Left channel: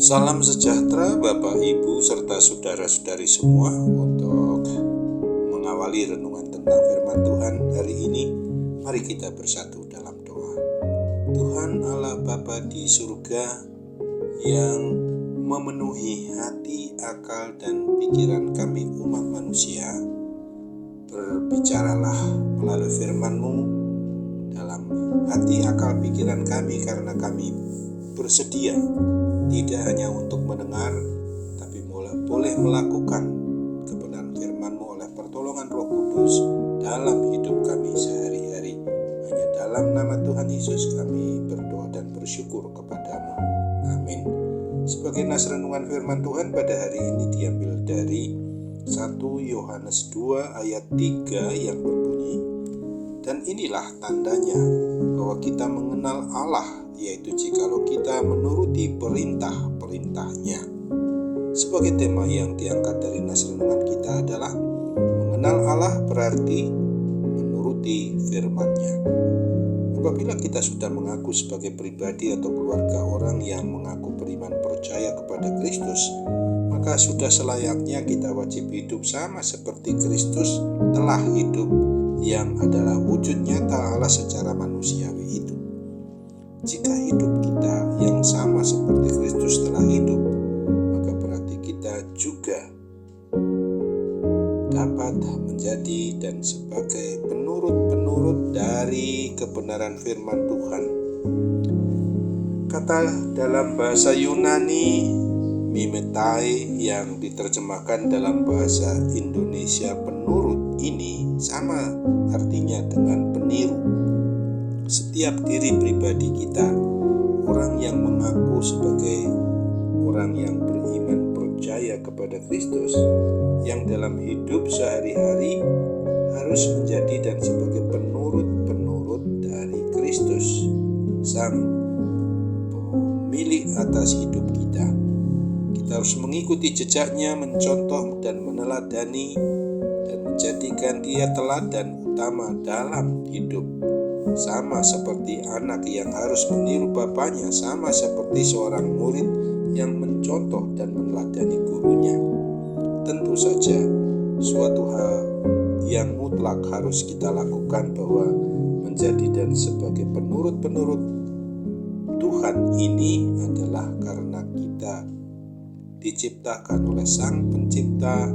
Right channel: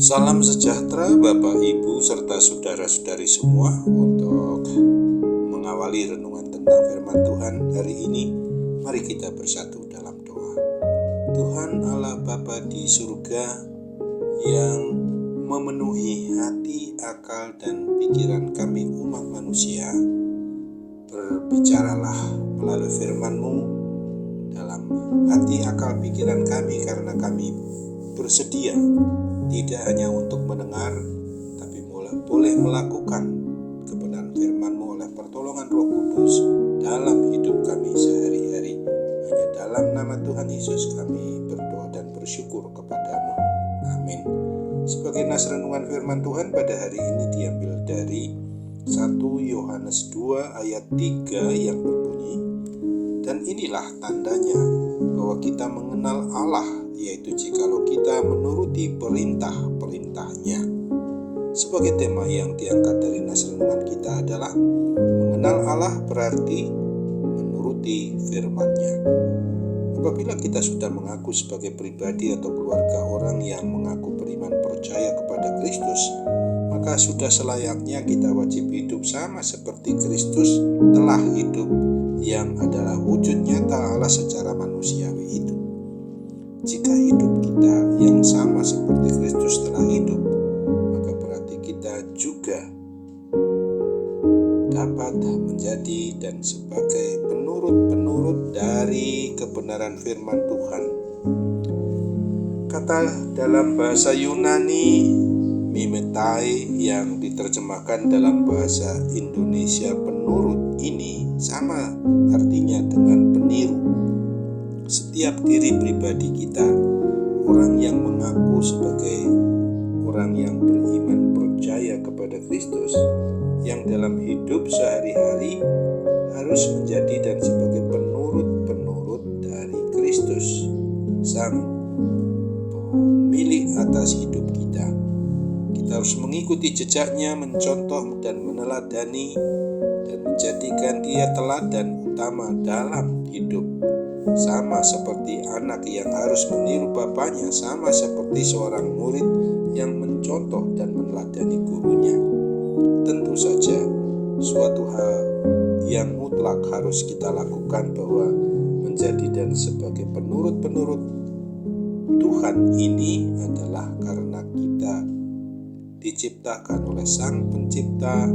Salam sejahtera Bapak Ibu serta saudara-saudari semua. Untuk mengawali renungan tentang firman Tuhan hari ini, mari kita bersatu dalam doa. Tuhan Allah Bapa di surga yang memenuhi hati, akal, dan pikiran kami umat manusia, berbicaralah melalui firman-Mu dalam hati, akal, pikiran kami, karena kami bersedia tidak hanya untuk mendengar, tapi boleh melakukan kebenaran firman-Mu oleh pertolongan Roh Kudus dalam hidup kami sehari-hari. Hanya dalam nama Tuhan Yesus kami berdoa dan bersyukur kepadamu. Amin. Sebagai nas renungan firman Tuhan pada hari ini diambil dari 1 Yohanes 2 ayat 3 yang berbunyi, "Dan inilah tandanya bahwa kita mengenal Allah, yaitu jikalau kita menuruti perintah-perintahnya." Sebagai tema yang diangkat dari nas renungan kita adalah mengenal Allah berarti menuruti firman-Nya. Apabila kita sudah mengaku sebagai pribadi atau keluarga orang yang mengaku beriman percaya kepada Kristus, maka sudah selayaknya kita wajib hidup sama seperti Kristus telah hidup, yang adalah wujud nyata Allah secara manusiawi itu. Jika hidup kita yang sama seperti Kristus telah hidup, maka berarti kita juga dapat menjadi dan sebagai penurut-penurut dari kebenaran firman Tuhan. Kata dalam bahasa Yunani mimetai yang diterjemahkan dalam bahasa Indonesia penurut ini sama artinya dengan peniru. Setiap diri pribadi kita, orang yang mengaku sebagai orang yang beriman percaya kepada Kristus, yang dalam hidup sehari-hari harus menjadi dan sebagai penurut-penurut dari Kristus, Sang pemilik atas hidup kita. Kita harus mengikuti jejaknya, mencontoh dan meneladani, dan menjadikan dia teladan utama dalam hidup. Sama seperti anak yang harus meniru bapaknya, sama seperti seorang murid yang mencontoh dan meneladani gurunya. Tentu saja suatu hal yang mutlak harus kita lakukan, bahwa menjadi dan sebagai penurut-penurut Tuhan ini adalah karena kita diciptakan oleh Sang Pencipta,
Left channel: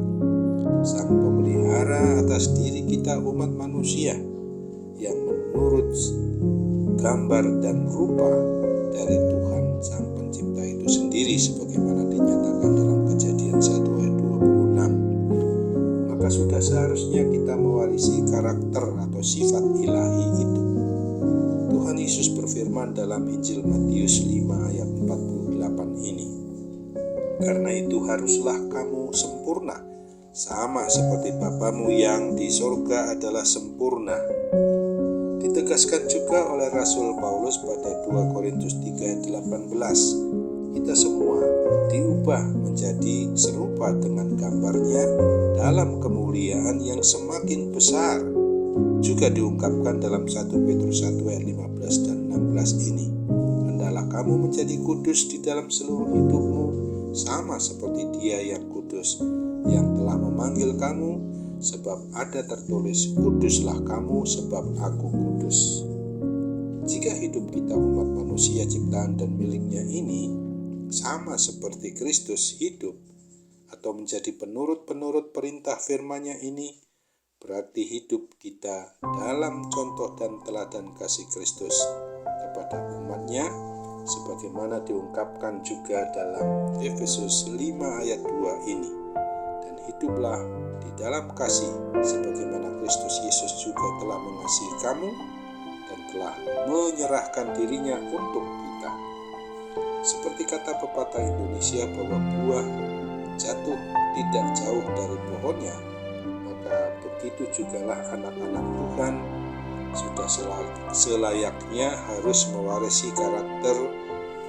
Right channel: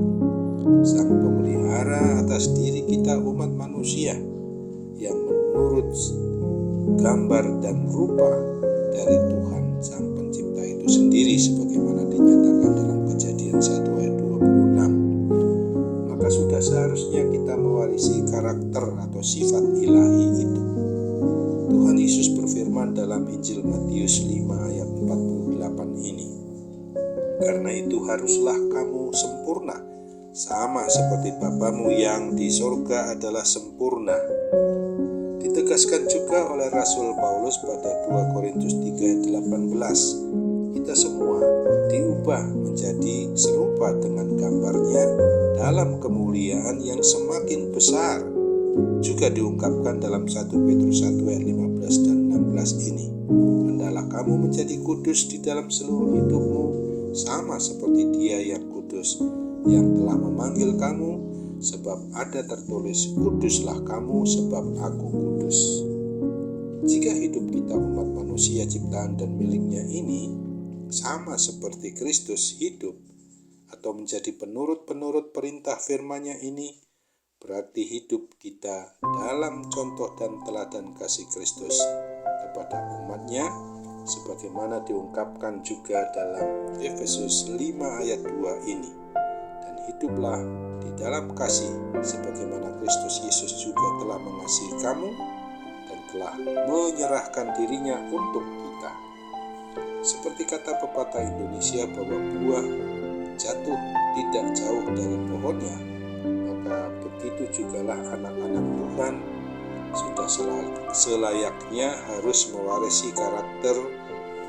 Sang Pemelihara atas diri kita umat manusia, yang menurut gambar dan rupa dari Tuhan Sang Pencipta itu sendiri, sebagaimana dinyatakan dalam Kejadian 1 ayat 26. Maka sudah seharusnya kita mewarisi karakter atau sifat ilahi itu. Tuhan Yesus berfirman dalam Injil Matius 5 ayat 48 ini, "Karena itu haruslah kamu sempurna, sama seperti Bapamu yang di sorga adalah sempurna." Ditegaskan juga oleh Rasul Paulus pada 2 Korintus 3 ayat 18, kita semua diubah menjadi serupa dengan gambarnya dalam kemuliaan yang semakin besar. Juga diungkapkan dalam 1 Petrus 1 ayat 15 dan 16 ini, "Hendaklah kamu menjadi kudus di dalam seluruh hidupmu, sama seperti Dia yang kudus, yang telah memanggil kamu, sebab ada tertulis, kuduslah kamu sebab aku kudus." Jika hidup kita umat manusia ciptaan dan miliknya ini sama seperti Kristus hidup atau menjadi penurut-penurut perintah firman-Nya ini, berarti hidup kita dalam contoh dan teladan kasih Kristus kepada umat-Nya, sebagaimana diungkapkan juga dalam Efesus 5 ayat 2 ini. "Dan hiduplah di dalam kasih, sebagaimana Kristus Yesus juga telah mengasihi kamu dan telah menyerahkan dirinya untuk kita." Seperti kata pepatah Indonesia bahwa buah jatuh tidak jauh dari pohonnya, maka begitu jugalah anak-anak Tuhan sudah selayaknya harus mewarisi karakter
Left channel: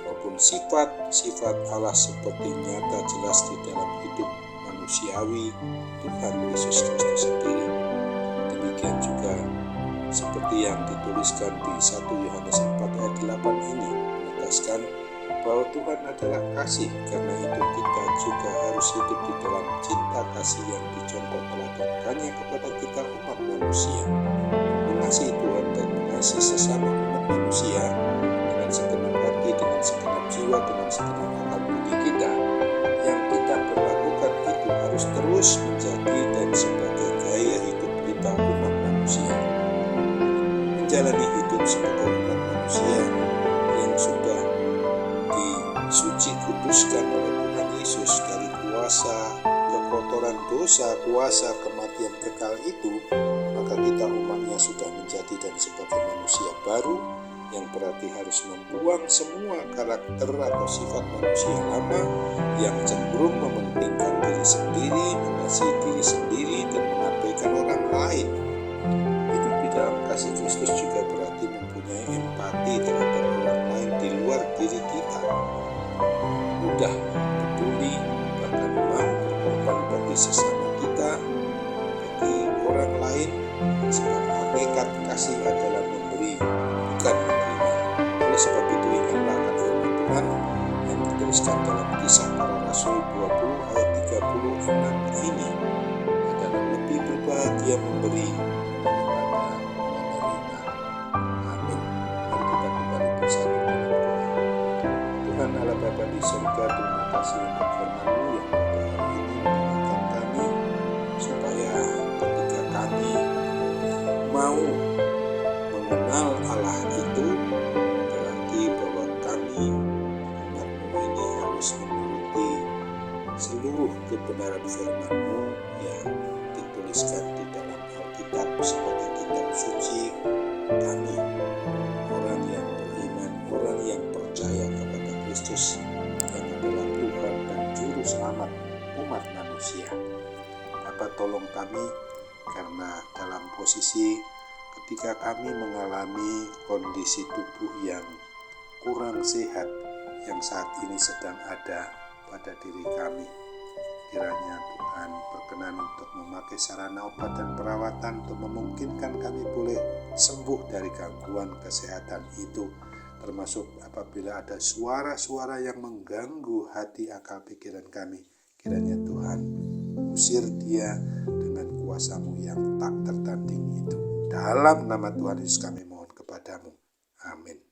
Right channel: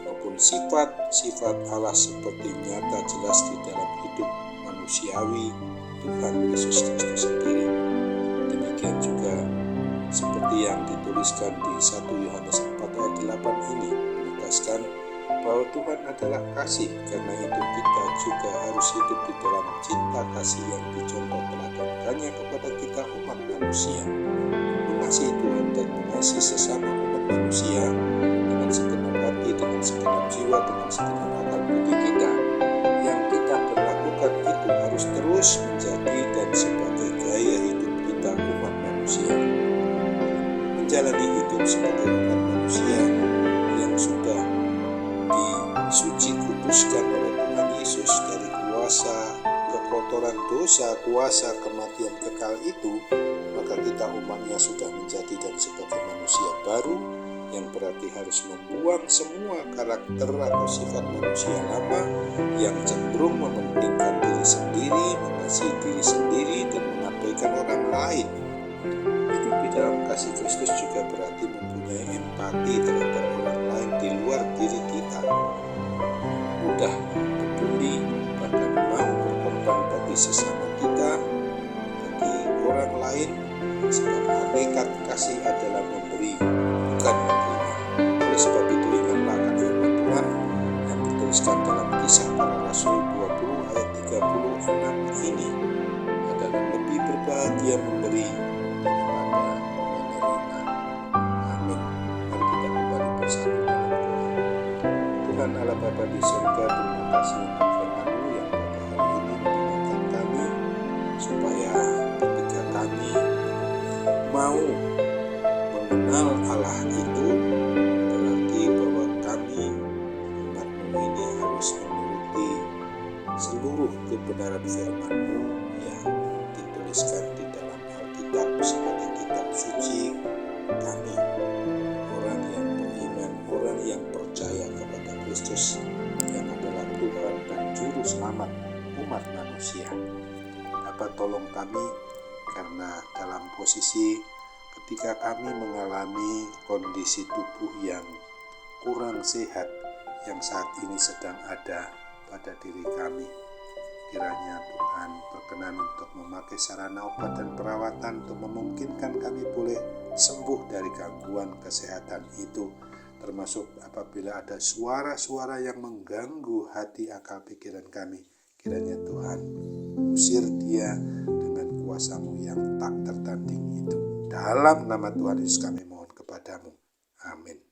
maupun sifat-sifat Allah seperti nyata jelas di dalam hidup manusiawi Tuhan Yesus Kristus sendiri. Demikian juga seperti yang dituliskan di 1 Yohanes 4 ayat 8 ini, menegaskan bahwa Tuhan adalah kasih. Karena itu kita juga harus hidup di dalam cinta kasih yang dicontoh teladankannya kepada kita umat manusia. Mengasihi Tuhan dan mengasihi sesama umat manusia dengan segenap hati, dengan segenap jiwa, dengan segenap akal budi kita. Yang kita berlakukan itu harus terus menjadi dan sebagai gaya hidup kita umat manusia. Menjalani hidup sebagai umat manusia yang sudah disuci kuduskan oleh Tuhan Yesus dari kuasa kekotoran dosa, kuasa kematian kekal itu, maka kita umatnya sudah menjadi dan sebagai manusia baru, yang berarti harus membuang semua karakter atau sifat manusia lama yang cenderung mementingkan diri sendiri, mengasihi diri sendiri, dan mengabaikan orang lain. Hidup di dalam kasih Kristus juga berarti mempunyai empati terhadap orang lain di luar diri kita. Mudah peduli, bahkan mau berkorban bagi sesama kita, bagi orang lain, sebab hakikat kasih adalah memberi, bukan menerima. Oleh sebab itu ingatlah akan firman Tuhan yang dituliskan dalam Kisah Para Rasul 20 ayat 36 ini, adalah lebih berbahagia memberi daripada menerima. Amin. Mari kita kembali bersatu dalam doa. Tuhan Allah Bapa di surga, terima kasih untuk firman-Mu yang pada hari ini mengingatkan kami supaya ketika kami mau mengenal Allah itu, berarti bahwa kami umat-Mu ini harus menuruti seluruh kebenaran firman-Mu yang dituliskan di dalam Alkitab sebagai kitab suci kami, orang yang beriman, orang yang percaya kepada Kristus yang adalah Tuhan dan Juru Selamat umat manusia. Bapa, tolong kami, karena dalam posisi ketika kami mengalami kondisi tubuh yang kurang sehat yang saat ini sedang ada pada diri kami, kiranya Tuhan berkenan untuk memakai sarana obat dan perawatan untuk memungkinkan kami boleh sembuh dari gangguan kesehatan itu, termasuk apabila ada suara-suara yang mengganggu hati, akal, pikiran kami. Kiranya Tuhan usir dia dengan kuasa-Mu yang tak tertanding itu. Dalam nama Tuhan Yesus kami mohon kepadamu. Amin.